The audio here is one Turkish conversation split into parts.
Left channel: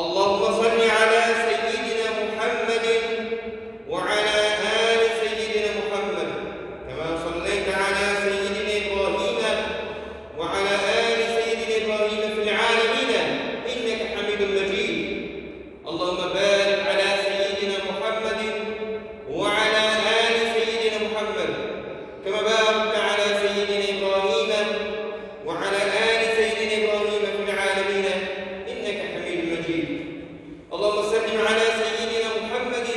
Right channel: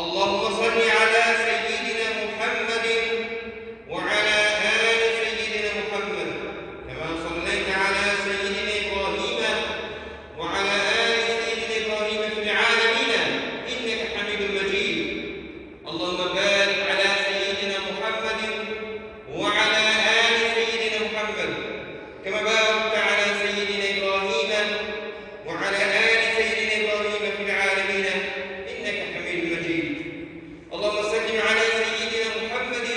اللهم صل على سيدنا محمد وعلى آل سيدنا محمد كما صليت على سيدنا إبراهيم وعلى آل سيدنا إبراهيم في العالمين إنك حميد مجيد. اللهم بارك على سيدنا محمد وعلى آل سيدنا محمد كما باركت على سيدنا إبراهيم وعلى آل سيدنا إبراهيم في العالمين إنك حميد مجيد. اللهم صل على سيدنا محمد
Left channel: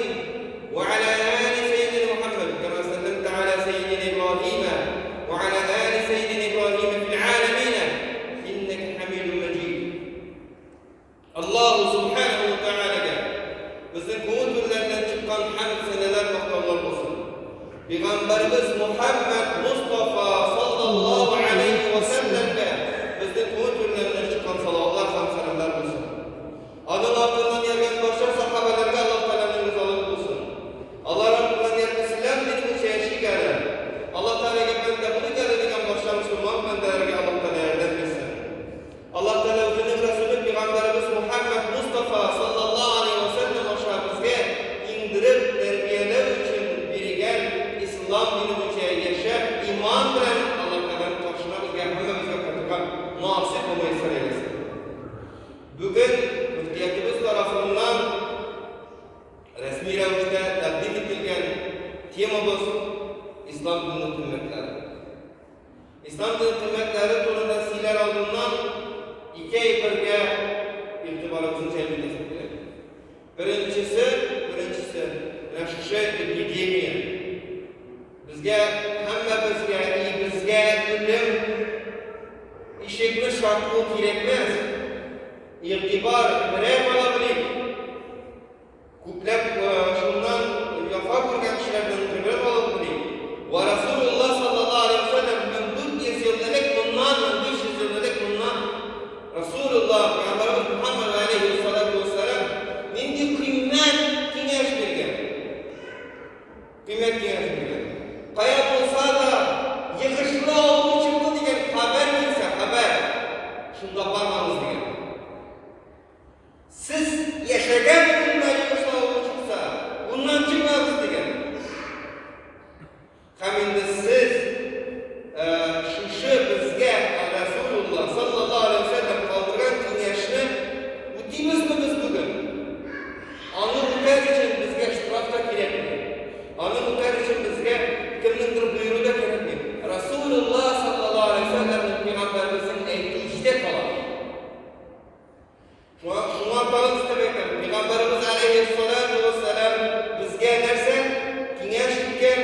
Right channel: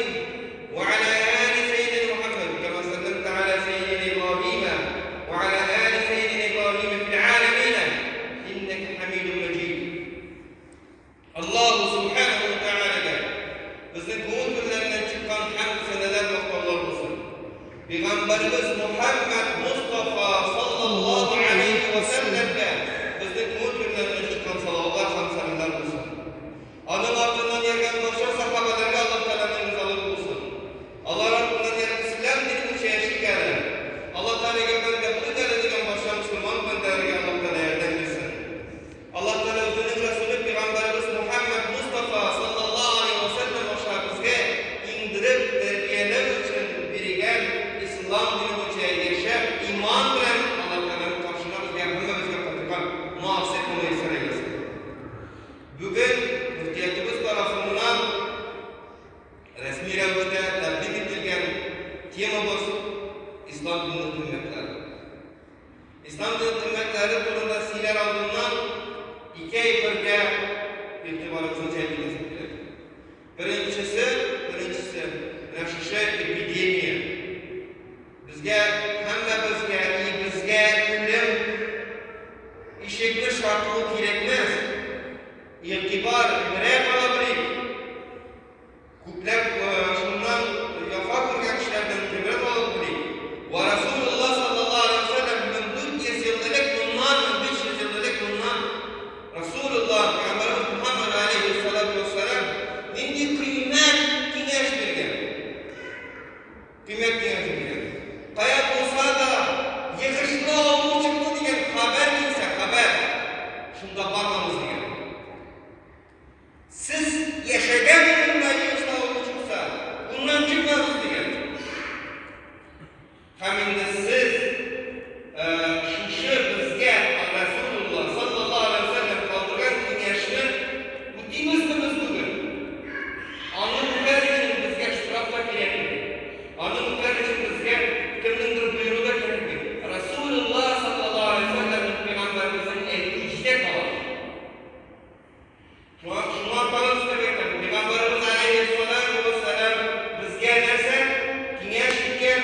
وعلى آل سيدنا محمد كما صليت على سيدنا إبراهيم وعلى آل سيدنا إبراهيم في العالمين إنك حميد مجيد. الله سبحانه وتعالى bizning ko'ngillardan chiqqan hamd sanalar maqtovlar bo'lsin. Peygamberimiz Muhammed Mustafa sallallahu aleyhi ve sellem'e bizning ko'ngillardan chiqqan salatlar ham sanalar bo'lsin. Onun ardından yerden başka sahabelerine Allah Teala'nın rızalığı bulsun. Allah ardından yerden İslam dinini çeşit gelin. Allah Teala'ya ben de bunu gelediğinden başka Müslüman ben de Allah Teala'ya yerden girsin. Allah Teala özünün Resulü Peygamberimiz Muhammed Mustafa sallallahu aleyhi ve sellem aşağımızda indirip terbiyeler için birigen İslam dini boyunca yaşayıp iman bilen Allah Teala'nın karşına bizge hemmemizge katıkan muhasip olmayı saraylasın. Bugün müftiyatımız tarafından resmi rəvişdə təqdim edilən temamız İslam dini qiymetləri. İslam dini qiymetləri turunda sizlər aldığından iki ay birgə etibarımızı cəlb edəsiniz. Birincisi, nəşşə epidemiya. Bizgə, həmmə bizgə ilim, işekli şartlığı gerekmez. İrtibar birer olabilir. Küplep şundan yapar kurgan kişilerden birer olabilir. Ve Resulullah sallallahu aleyhi ve sellem min 400 yıllık bundan, min 500 yıllık bundan Resulullah Peygamberimiz Muhammed aleyhissalatu vesselam indi kıymet kıneş birgen. Kıymet kıneş birgen. Kaya olsa da yıkışlı olduğu çıktı diyen haber kimse haber. Şunda bakmamız diyen. Siz yaşayan günde yıkışlı olduğu çıksa bundan çıkmazdı diyen. Hem de siz şu bizge Resulullah sallallahu aleyhi ve sellem kaldırgan kıneşini bütünüz mü biz bugün? Anı muhtar için bizge ştrafta gerek mi? Anı muhtar için bizge kimdendir buyruğu da gerek mi? Resulullah sallallahu aleyhi ve sellem'in Peygamberimizin etkicide kalan. Şunu antalım istemeyelim. Peygamberimiz aleyhissalatu vesselam bizge derse kıneş iken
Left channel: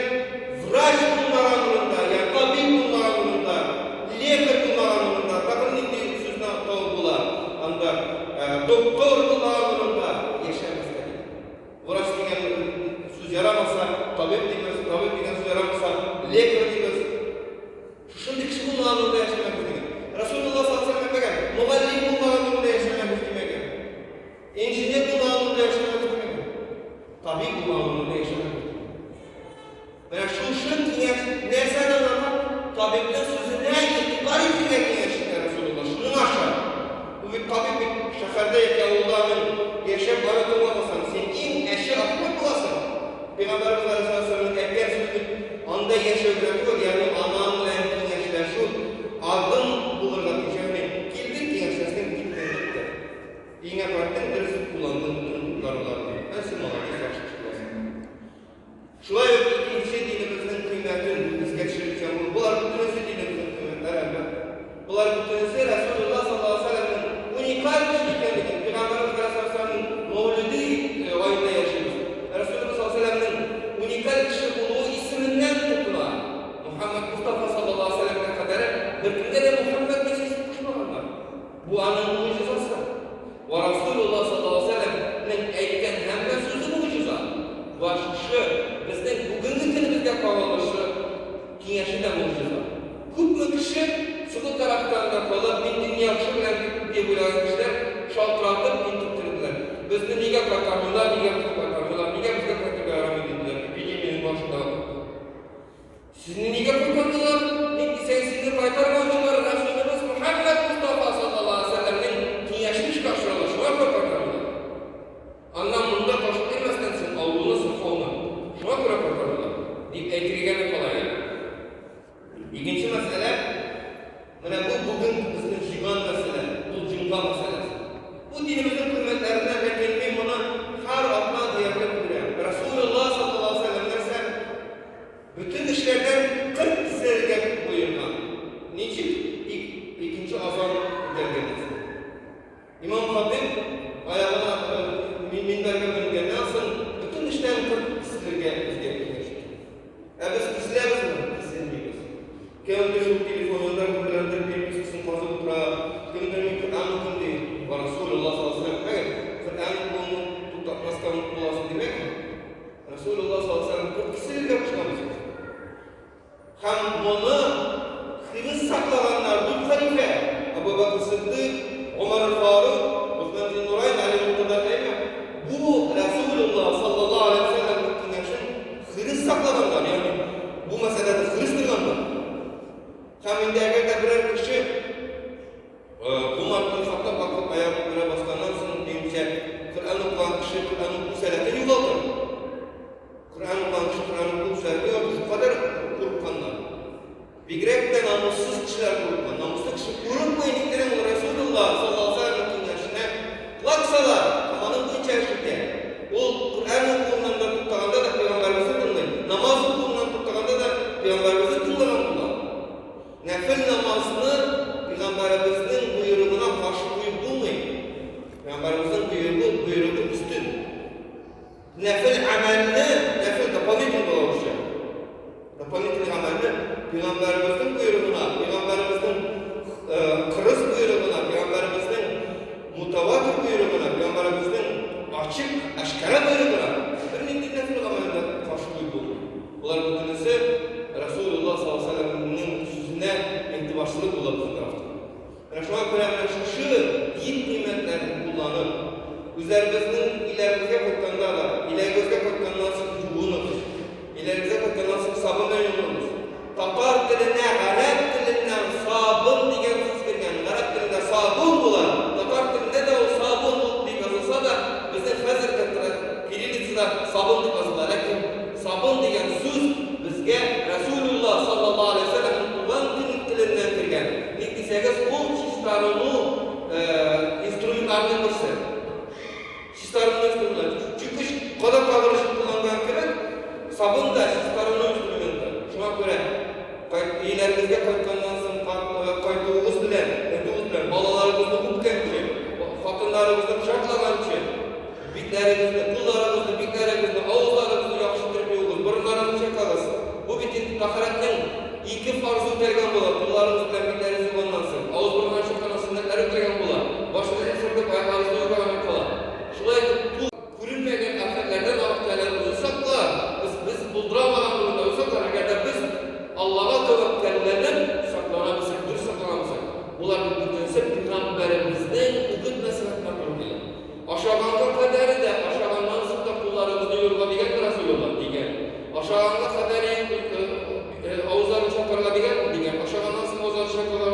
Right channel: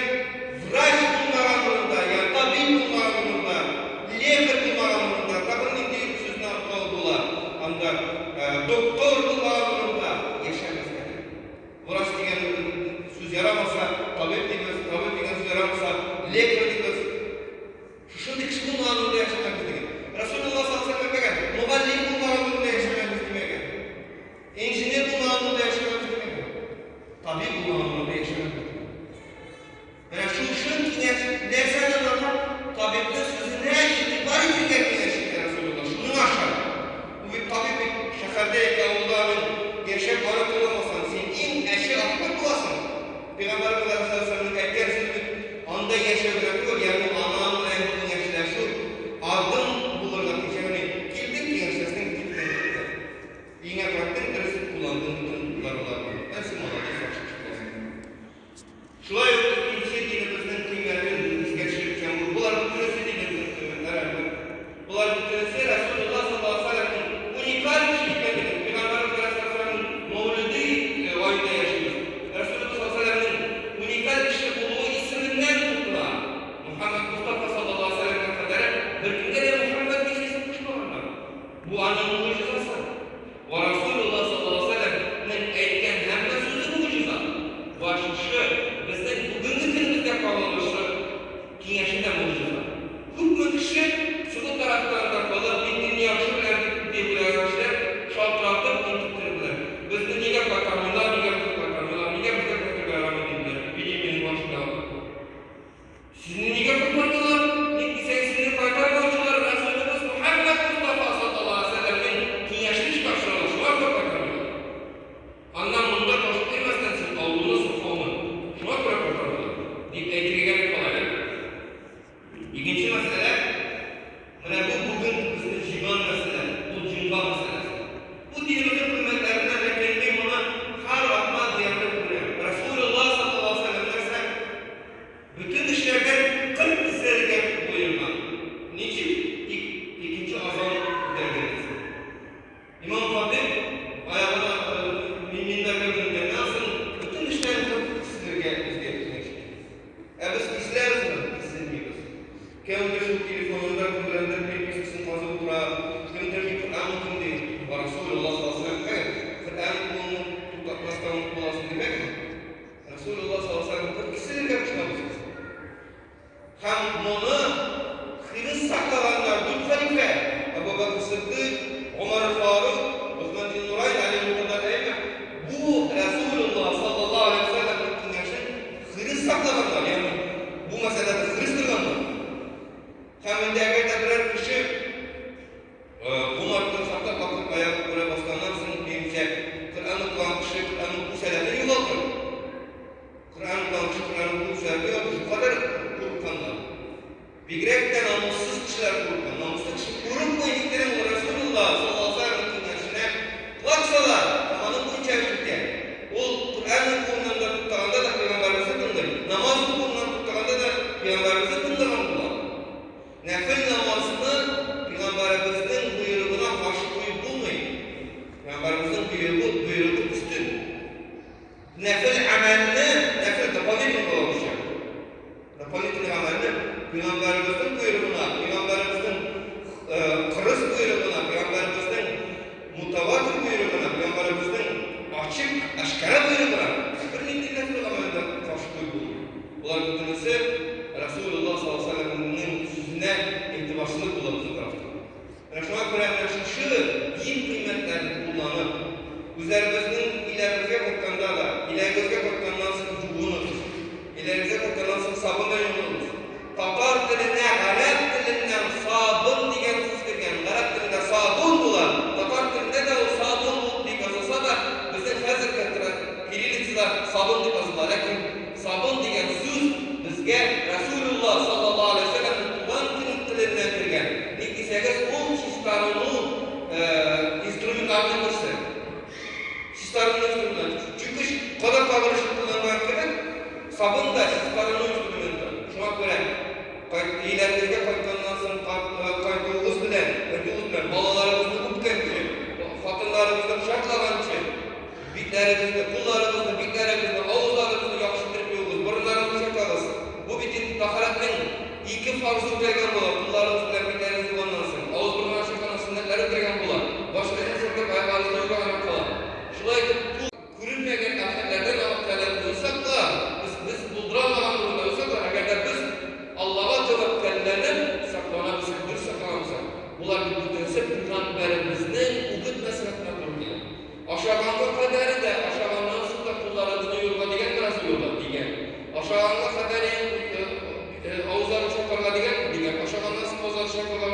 vraç bulmalarında, yani tabip bulmalarında, lekar bulmalarında, takım indiği sözüne oldular. Anda doktor bulmalarında yaşamışlar. Vraç diyen söz yaramasa, tabip diyen söz yaramasa, lekar diyen şimdi kişi bulmalarında yaşamak istedim. Resulullah sallallahu aleyhi ve sellem muallim bulmalarında yaşamak istedim. İnjiner bulmalarında yaşamak istedim. Tabip bulmalarında yaşamak istedim. Yani şunun dersen anlamak, tabipten sözüne itibar edilmek yaşıyor Resulullah. Şunun aşağı. Bu bir tabip bir şehirde yavrularının yaşayıp varıp olmasan, senin en eşi akmak bulasın. Peygamberimiz Aleyhisselam'ın erken sözü anda yaşayabiliyor. Yani anamın en yaşayla şu adım bulurlar diyeceğini girdin diye yaşasın gitmedi. Yine baktın ders kullandığın bunlar olabilir. Nasıl olabilir? Şuraya ikinci dinimizin kıymetini biz geçirirken bunlar bütünüzü dinimizin kıymetleri. Bunlar bütünüzü Resulullah sallallahu aleyhi ve sellem'in unikal kişiliklerinin Peygamberimiz Aleyhisselam'ın mevlidi ayında yaşıyoruz. Resulullah sallallahu aleyhi ve sellem'in unikal kişi olduğu isminden tuttular. Muhammed Mustafa sallallahu aleyhi ve sellem'e kadar bir günde de Muhammed diye isim tutmalarlar. Bu anın mucizası. Ve Resulullah sallallahu aleyhi ve sellem'in etken hem de sözü muciza. Bu aşışı bizden bugünkü günümüzde kalmıştı. Kineşinde muciza. Hükmü kişi sıkı karakterden kalıp bindiğini yakışı bilen diye bilen şaltlardır, unutturdular. Bizden niye bakarmıyorlar, niye bakarmıyorlar, niye bize bakarmıyorlar dediler. Bilimin başında aldı. Sizin niye bakarmıyorlar? Sizin bakarmıyorlar. Resulümüz Muhammed Mustafa sallallahu aleyhi ve sellem'in kineşmiş karşılaşma bakarmıyorlar. buyruğu üstün. Nefil amelini, nefil dopolitik oluşuyor. Dopolitik amelini Peygamberimizin buyruğuna, Peygamberimizin kırız buyruğuna, Peygamberimizin mutavatır buyruğuna, Peygamberimizin açık, aşkara buyruğuna. Bir nefil amelinde karşı buyruğu. Bunlar bütünüzü Resulullah sallallahu aleyhi ve sellem'in sözüne intibasını kullandığı tarafta. Şuna göre şu din kıymetlerini kullanıp, üzerimizin ilerimizde koykanlarla, ilerimizde koykanlarla çubuğunuz, ilerimizde koykanlarla sabun yolunuz, Tatar diline, Arap dilinden sabun diye söz vergen, Arap dilinde sabun bulan, Tatar dilinde de o sabun diye yazılsa da bizim hazır kettiren Kirilliciler sabun diye yazılır. Lakin sabun diye söz bizge Resulullah sallallahu aleyhi ve sellem kullan dilinden vergen. Neyse o sistemini instrumentalini kursa. Sistemini instrumental. Çünkü kadar kavraşı kullanmak gerek, sabun da sistemini instrumental. Şuna göre ilerimizde koykandan sonra koyduğumuz bilen, balalarımızı mutken gibi, hatırlarımızı şartlanan için, bitlerimizde, bitlerimizde, ağızlarımızı yakıştırıp yoğuz, burunlarımızı çakalız. Bu bütün ahiretin iki farzı ötegen bular, kullarımız bilen bitlerimizi kullansın. Ağız burunlar şakalasın, netleri ötegen bular. Başımızın şöyle ayaklarımızı yoğuz bular. Şurayı bu kurulmayan ahiretlerden avuktalar bulursak biz bulduramadan bulursak agar biz Allah'a tevekkellerden saklanabilsak, dürüst saklanabilsak. Bunlar bütünse Peygamberimizden ukut meselesine durmuyor. Aşağılanma kaderi de aşağılanmanın sıkta kullarımızı yorma diyen biraz yorma diyen. Aşağılanma kaderi ağızlarını çokarla diyen. Aşağılanma sıkta ağızlarını çokarla